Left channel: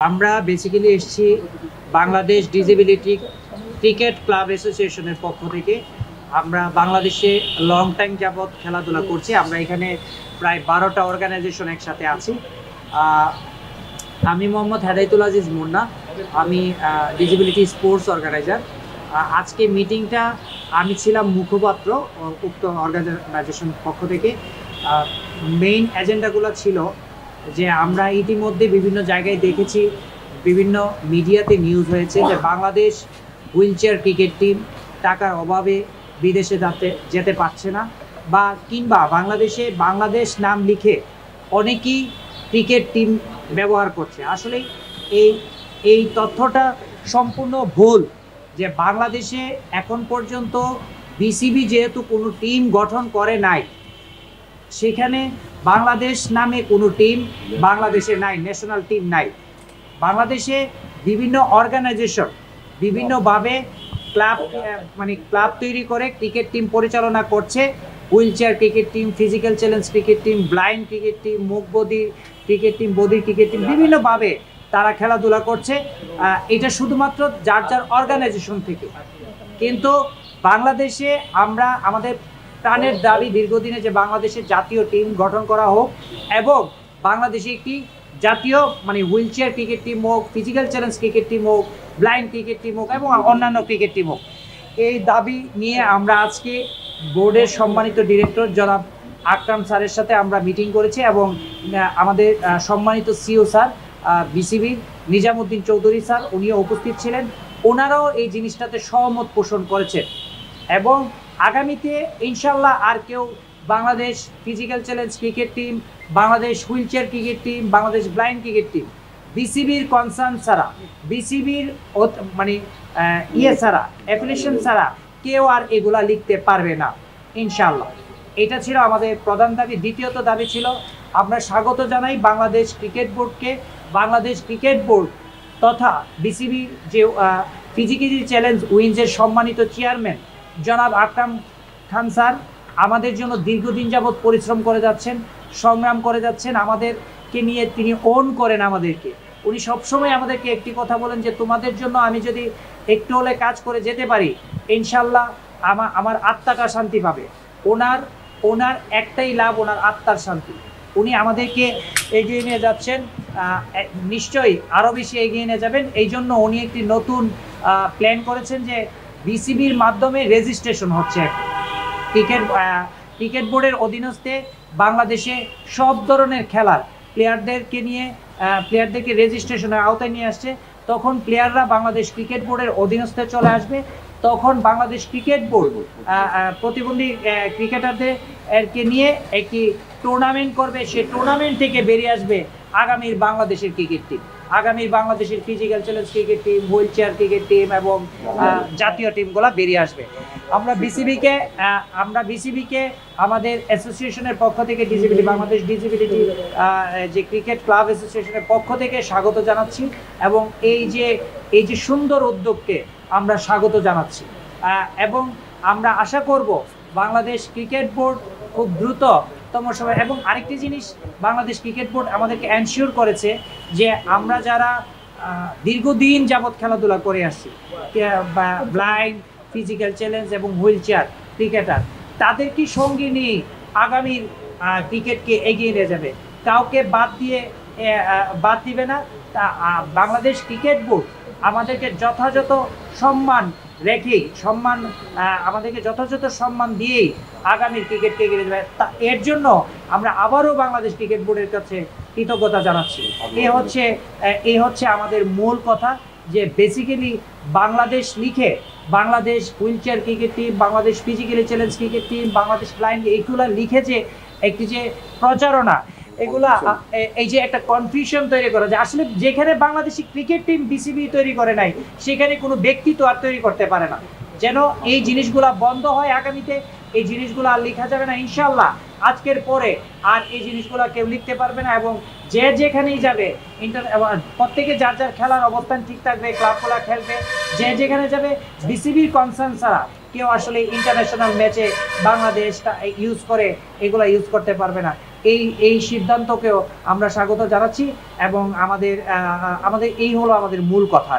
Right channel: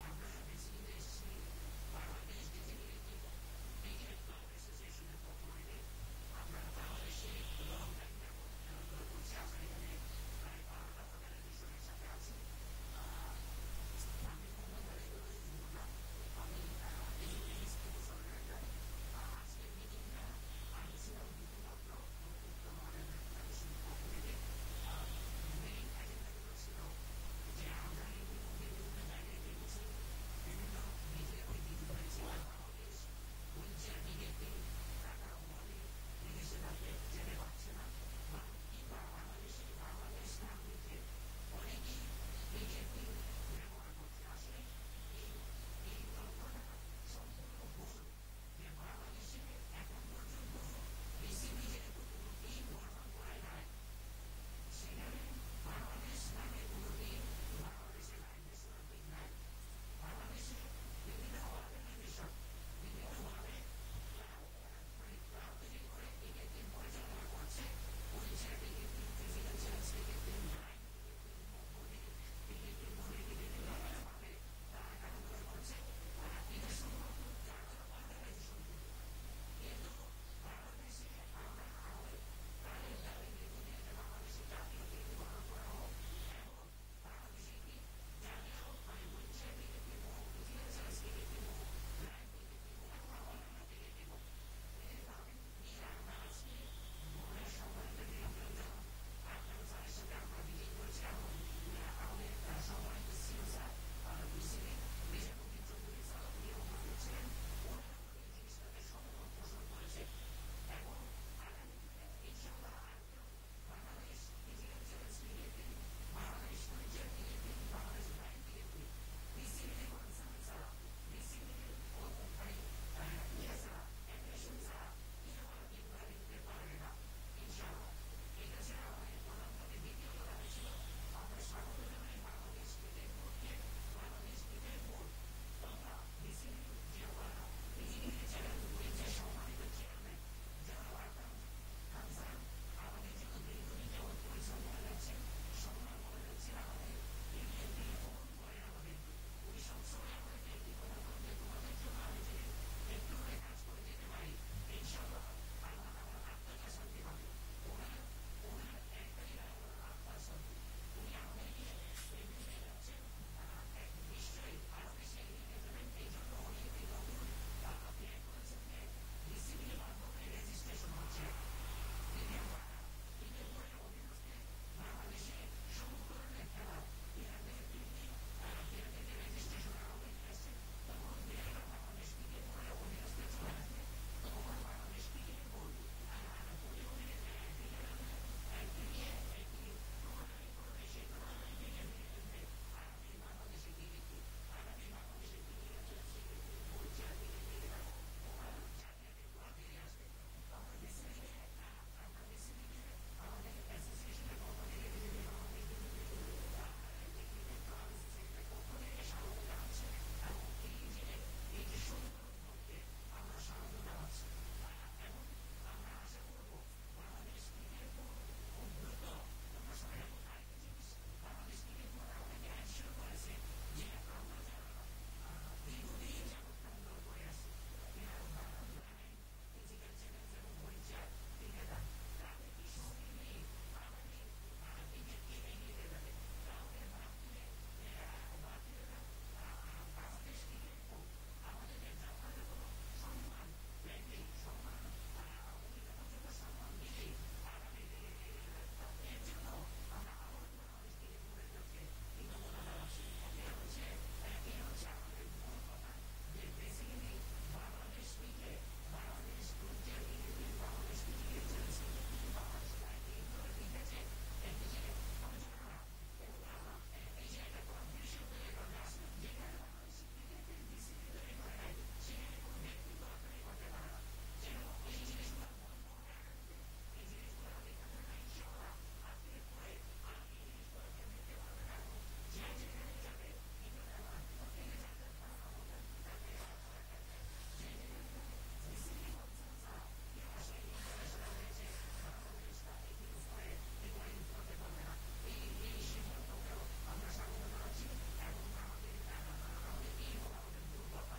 আমরা বেসিক্যালি এসেছি Bangladesh disability cricket club অ্যাসোসিয়েশনের পক্ষ থেকে। আমরা বাংলাদেশে লং টাইম যাবৎ খেলাধুলা করছি। আমরা এখানে প্রায় 12টা অর্গানাইজেশন একসাথে আছি। আমি মোহাম্মদ হেদায়েতুল আজিজ মুন্না, আমি ডিসেবিলিটি স্পোর্টস অর্গানাইজার। আজকে মিটিংটা আমি ছিলাম মুখপাত্র উক্ত অর্গানাইজেশন পক্ষ থেকে। মেইন এজেন্ডাগুলো ছিল যে আমরা ইতিমধ্যে বিভিন্ন জায়গায় দেখেছি, বিভিন্ন মিডিয়াতে নিউজ হয়েছে যে Bangladesh wheel chair cricket team টাকার অভাবে বিদেশে যেতে পারছে না, বা কিংবা বাংলাদেশ নাম লিখে অনেকেই ক্রিকেট টিম ব্যবহার করছে। আসলে এই এই তথ্যটা সম্পূর্ণ ভুল। যে বাংলাদেশে এখন পর্যন্ত বিসিবি যেহেতু কোনো টিম গঠন করে নাই, সেখানে বাংলাদেশ নামে কোনো টিম বাংলাদেশে নাই, ন্যাশনাল টিম নাই। বাংলাদেশে বিভিন্ন অর্গানাইজেশন বিভিন্নভাবে ক্লাব তৈরি করে ক্রিকেট টিম পরিচালনা করছে। Wheel chair cricket team, physical challenge cricket team, blind cricket team, মুখ বধির ক্রিকেট টিম, বধির ক্রিকেট টিম, বিভিন্নভাবে তারা খেলাধুলা করছে। এটা শুধুমাত্র যার যার অর্গানাইজেশন থেকে। কিন্তু বাংলাদেশে আমরা আমাদের প্রাণের দাবি দীর্ঘদিনে যে বাংলাদেশের জাতীয় টিম গঠন করা হোক, এবং বাংলাদেশে একটি জাতীয় হুইল চেয়ার ক্রিকেট টিম হোক, ফিজিক্যাল চ্যালেঞ্জ ক্রিকেট টিম হোক, ব্লাইন্ড ক্রিকেট টিম হোক এবং অন্যান্য ক্রিকেট টিম হোক। এই দাবি নিয়ে আমরা আজকে বোর্ডের সম্মানিত ডিরেক্টর জনাব আকরাম স্যারের সাথে আমরা মিটিং করেছি, এবং আমাদের সম্মানিত সিও স্যার বিসিবির নিজামুদ্দিন চৌধুরী স্যার, উনিও উপস্থিত ছিলেন। ওনারাও এই জিনিসটাতে সহমত পোষণ করেছেন, এবং আগামীতে ইনশাল্লাহ আর কেউ Bangladesh physical challenge cricket team, Bangladesh wheel chair cricket team, Bangladesh blind cricket team বিসিবির কনসার্ন ছাড়া, বিসিবির ছাড়া, অ্যাপ্লিকেশন ছাড়া কেউ আর এগুলা লিখতে পারবে না ইনশাল্লাহ। এটা ছিল আমাদের প্রধান দাবি। দ্বিতীয়ত দাবি ছিল, আমরা স্বাগত জানাই বাংলাদেশ ক্রিকেট বোর্ডকে। বাংলাদেশ ক্রিকেট বোর্ড তথা বিসিবির যে ফিজিক্যাল চ্যালেঞ্জ উইন্সের সম্মানিত চেয়ারম্যান জনাব আকরাম খান স্যার আমাদের জন্য দীর্ঘদিন যাবৎ পরিশ্রম করে যাচ্ছেন, সংগ্রাম করে যাচ্ছেন। আমাদেরকে নিয়ে তিনি ওন করেন আমাদেরকে। উনি সবসময় আমাদেরকে একটি কথা বলেন যে তোমাদের জন্য আমি যদি একটু হলে কাজ করে যেতে পারি, ইনশাল্লাহ আমার আত্মাটা শান্তি পাবে। ওনার একটাই লাভ, ওনার আত্মার শান্তি। উনি আমাদেরকে এগিয়ে নিয়ে যাচ্ছেন, নিশ্চয়ই আরও বেশি এগিয়ে নিয়ে যাবেন। এই জন্য উনি একটি নতুন প্ল্যান করেছেন যে বিসিবির মাধ্যমে রেজিস্ট্রেশন হচ্ছে ক্রিকেট বোর্ডের অধীনস্থে বাংলাদেশে সব ধরনের খেলার প্লেয়ারদেরকে রেজিস্ট্রেশনের আওতায় নিয়ে আসছে। তখন প্লেয়াররা বাংলাদেশ ক্রিকেট বোর্ডের অধীনস্থে চলে আসবে। তখন বাংলাদেশ ক্রিকেট বোর্ড প্রতিবন্ধী ক্রিকেটারদেরকে নিয়ে একটি টুর্নামেন্ট করবে। সেই টুর্নামেন্ট থেকে বেরিয়ে আসবে আগামীর বাংলাদেশের ক্রিকেট টিম, আগামীর বাংলাদেশের physical challenge cricket team, wheel chair cricket team এবং জাতীয় টিমগুলো বেরিয়ে আসবে। আমরা বিসিবিকে আমাদের অ্যাসোসিয়েশনের পক্ষ থেকে বাংলাদেশ ডিসেবিলিটি যে ক্রিকেট ক্লাব অ্যাসোসিয়েশনের পক্ষ থেকে স্বাগত জানাচ্ছি, এবং এই যে সুন্দর উদ্যোগকে আমরা স্বাগত জানাচ্ছি। এবং আমরা আশা করব বাংলাদেশ ক্রিকেট বোর্ড খুব দ্রুততম সময়। এবং আরেকটি জিনিস বাংলাদেশ ক্রিকেট বোর্ড আমাদেরকে এনশিওর করেছে যে আমরা যারা দীর্ঘদিন যাবৎ খেলাধুলা করে আসছি, ব্লাইন্ড, ফিজিক্যাল চ্যালেঞ্জ এবং হুইল চেয়ার ক্রিকেটার, তাদেরকে সঙ্গে নিয়ে আগামীর ক্রিকেটকে এগিয়ে নিয়ে যাবে। কাউকে বাদ দিবে না। বাংলাদেশ ক্রিকেট বোর্ড আমাদেরকে যথাযথ সম্মান রেখেই, আমাদেরকে যথাযথ সম্মান দিয়েই আগামীর ক্রিকেটকে এগিয়ে যাবে। এর জন্য আমরা আবারও বাংলাদেশ ক্রিকেট বোর্ডের কাছে কৃতজ্ঞতা জানাচ্ছি। এই হচ্ছে আমাদের মূল কথা, যে বেসিক্যালি বাংলাদেশ লিখে Bangladesh wheel chair cricket team, Bangladesh physically challenge cricket team, Bangladesh blind, এইগুলো লিখে যে একটি যে প্রচারণা, এগুলা এই যে একটা কনফিউশন তৈরি করা, যে আসলে যেখানে বাংলাদেশি ক্রিকেট টিম বিসিবি তৈরি করে নাই, সেখানে কোনো ব্যক্তি তো আর তৈরি করতে পারে না। যেন এই জিনিসগুলা বন্ধ হয় আগামীতে। এই জিনিসগুলো আর লেখা যাবে না ইনশাল্লাহ। আজকের পরে আর এই জিনিসগুলো কেউ লিখতে পারবে না, এবং যে যেখানেই যাবে প্রত্যেকে যার যার খেলার অবস্থান ঠিক থাকবে, ক্লাবগুলো খেলবে। যে যেখানে যাবে বিসিবির কনসার্ন ছাড়া কেউ আসলে ইন্টারন্যাশনাল ম্যাচে বাংলাদেশটা এগুলো ইউজ করতে পারবে না। এই সিদ্ধান্তকেও আমরা স্বাগত জানাচ্ছি এবং আমাদের এই হলো আমাদের মূল কথা।